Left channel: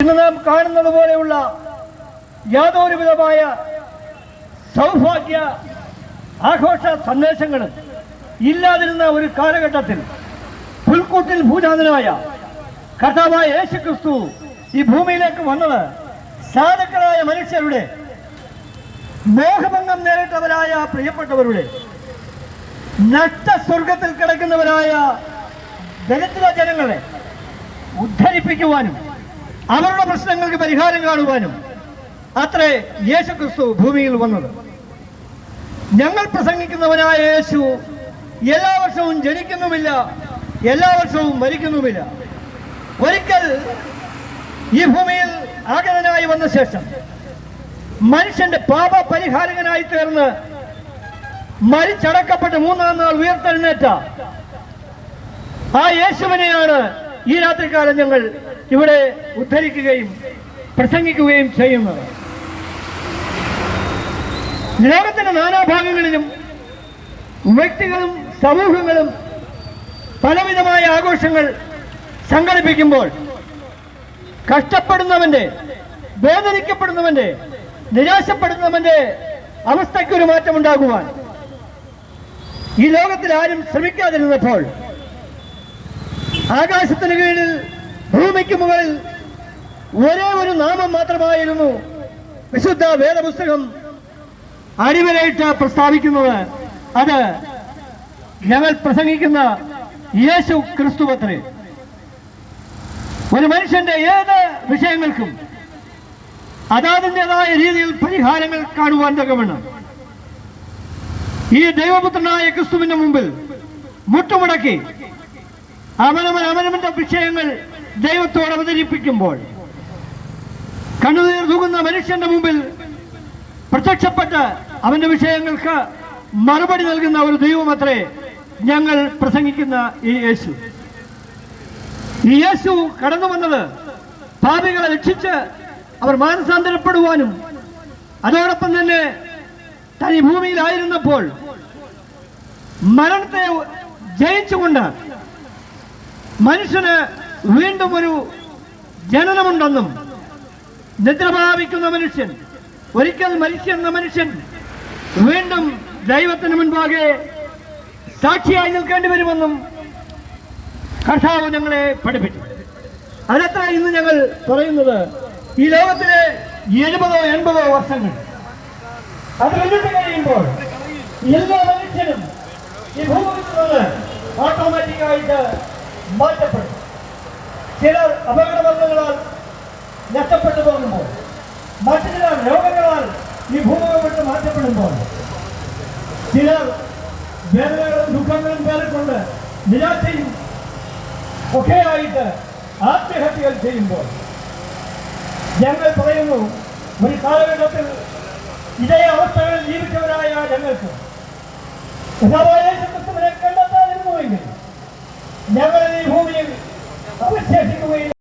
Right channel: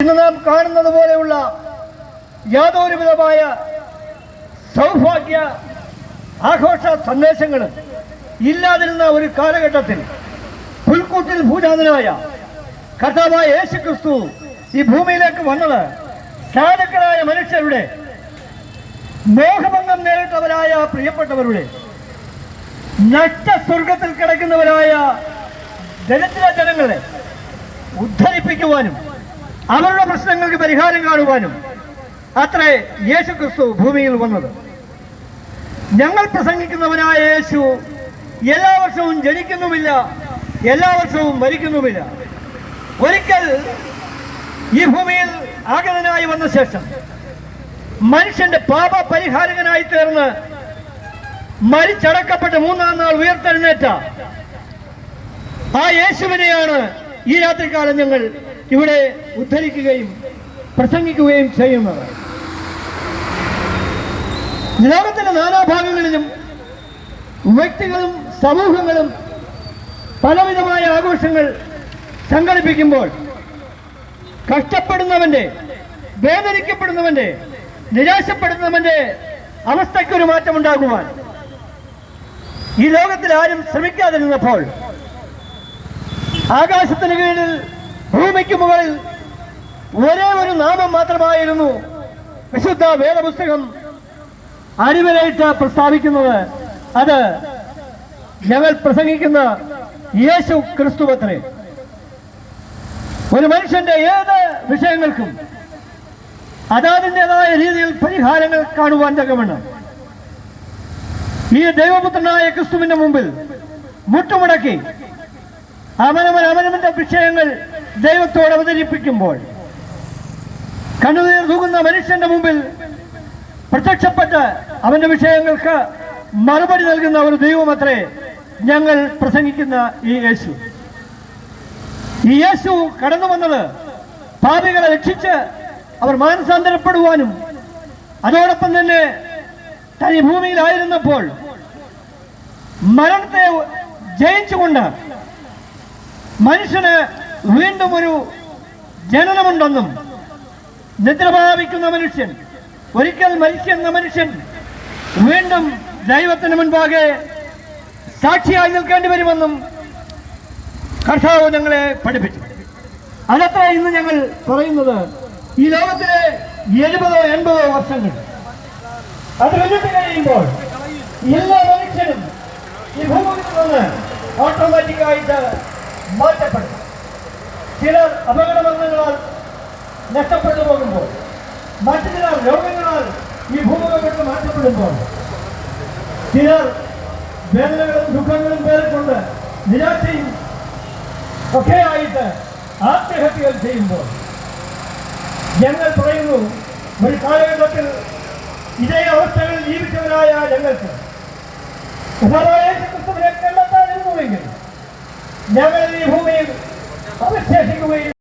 ഇന്ന് നാം കാണുന്നത് പോലെയുള്ള യാതൊരുവിധമായ സൗഭാഗ്യ ആഘോഷ സന്ദേശങ്ങൾ ഇല്ലാതിരുന്ന ഒരു കാലഘട്ടത്തിൽ പുൽക്കൂട്ടിൽ ഭൂജാതനായ കർത്താവായ യേശു ക്രിസ്തു ഈ ഭൂമിയിലേക്ക് വന്നത് സാധുക്കളായ മനുഷ്യരുടെ മേഘഭംഗം നേരിട്ടവരായ പ്രിയപ്പെട്ടവരുടെ നഷ്ട സ്വർഗത്തിൽ കിടക്കുന്നവരായ ജനത്തിലെ ജനങ്ങളെ ഉദ്ധരിപ്പിക്കുവാനും അവരുടെ പ്രശ്നങ്ങൾക്ക് പരിഹാരം കാണുവാനും അത്രേ യേശു ക്രിസ്തു ഭൂമിയിൽ വന്നത്. ഞങ്ങൾ പ്രസംഗിക്കുന്നവനായ യേശു എല്ലാ വർഷവും ജനിക്കുന്നുമില്ല എല്ലാ വർഷവും മരിക്കുന്നുമില്ല. ഒരിക്കൽ ഈ ഭൂമിയിൽ ആഗതനായി വന്ന ശേഷം മനുഷ്യന്റെ പാപ പരിഹാരകനായി തീർന്ന് മരിച്ചടക്കപ്പെട്ട് മൂന്നാം നാൾ ഉയർത്തെഴുന്നേറ്റ ആ യേശുവിനെയാണ് ഈ രാത്രികാലം ഞങ്ങൾ ഇവിടെ ഉദ്ധരിക്കുകയും പ്രസംഗിക്കുകയും ചെയ്യുന്നത് ലോകത്തിന്റെ നാനാഭാഗങ്ങളിലും വ്യക്തികളും സമൂഹങ്ങളും പലവിധമായ ആഘോഷങ്ങൾ സംഘടിപ്പിക്കുമ്പോൾ കഷ്ടപ്പെടുന്നവന്റെ വേദനിക്കപ്പെടുന്നവന്റെ നിരാശപ്പെടുന്നവന്റെ അവസ്ഥയ്ക്കൊരു മാറ്റമുണ്ടാകുവാൻ ഈ ലോകത്തിൽ ആരും ശ്രമിക്കാതിരുന്നപ്പോൾ ആകാശത്തിന് കീഴിൽ ഭൂമിക്ക് മുകളിൽ ഒരേ ഒരു നാമം മാത്രമായിരുന്നു വിശുദ്ധ വേദപുസ്തകം അടിവരയിട്ട് പ്രസ്താവിക്കുന്നത്. അത് ഞങ്ങൾ പ്രസംഗിക്കുന്ന യേശു ക്രിസ്തുവത്രേ ഒരു മനുഷ്യന്റെ ഏത് വിഷയങ്ങൾക്കും അതാതിന്റെതായ രീതിയിൽ പരിഹാരങ്ങൾ കാണുവാൻ രംഗമാണ് ഈ ദൈവപുത്രനായ ക്രിസ്തുവിന്റെ മുമ്പിൽ മുട്ടുമുടക്കി അവനവൻ അവനവന്റെ വിഷയങ്ങൾ ദൈവത്തോട് അവതരിപ്പിക്കുമ്പോൾ കണ്ണുനീർ തൂകുന്ന മനുഷ്യന്റെ മുമ്പിൽ പ്രത്യക്ഷപ്പെട്ട് അവന്റെ വിഷയങ്ങൾക്ക് മറുപടി നൽകുന്ന ഒരു ദൈവമത്രേ ഞങ്ങൾ പ്രസംഗിക്കുന്ന ഈ യേശു. ഈ യേശു കടന്നു വന്നത് പാപികളെ രക്ഷിച്ച് അവർ മാനസാന്തരപ്പെടുവാനും അതോടൊപ്പം തന്നെ തനി ഭൂമിയിലായിരുന്നപ്പോൾ മരണത്തെ ജയിച്ചുകൊണ്ട് മനുഷ്യന് വീണ്ടും ഒരു ജനനമുണ്ടെന്നും നിദ്രഭാവിക്കുന്ന മനുഷ്യൻ ഒരിക്കൽ മരിക്കുന്ന മനുഷ്യൻ വീണ്ടും ദൈവത്തിന് മുൻപാകെ സാക്ഷിയായി നിൽക്കേണ്ടി വരുമെന്നും കർഷാവ് ഞങ്ങളെ പഠിപ്പിച്ചു. അതത്ര ഇന്ന് ഞങ്ങൾ പറയുന്നത് ഈ ലോകത്തിലെ എഴുപതോ എൺപതോ വർഷങ്ങൾ. അത് മുന്നിട്ട് കഴിയുമ്പോൾ എല്ലാ മനുഷ്യനും ഈ ഭൂമിയിൽ നിന്ന് ഓട്ടോമാറ്റിക്കായിട്ട് മാറ്റപ്പെടും. ചിലർ അപകടബന്ധങ്ങളാൽ നഷ്ടപ്പെട്ടു പോകുമ്പോൾ മറ്റു ചിലർ രോഗങ്ങളാൽ ഈ ഭൂമികൾ വിട്ട് മാറ്റപ്പെടുമ്പോൾ ചിലർ വേദനകളും ദുഃഖങ്ങളും പേരെക്കൊണ്ട് നിരാശയും ഒക്കെയായിട്ട് ആത്മഹത്യകൾ ചെയ്യുമ്പോൾ ഞങ്ങൾ പറയുന്നു ഒരു കാലഘട്ടത്തിൽ ഇതേ അവസ്ഥകളിൽ ജീവിച്ചവരായ ഞങ്ങൾക്ക് കണ്ടെത്താതിരുന്നുവെങ്കിൽ ഞങ്ങൾ ഈ ഭൂമിയിൽ Take away.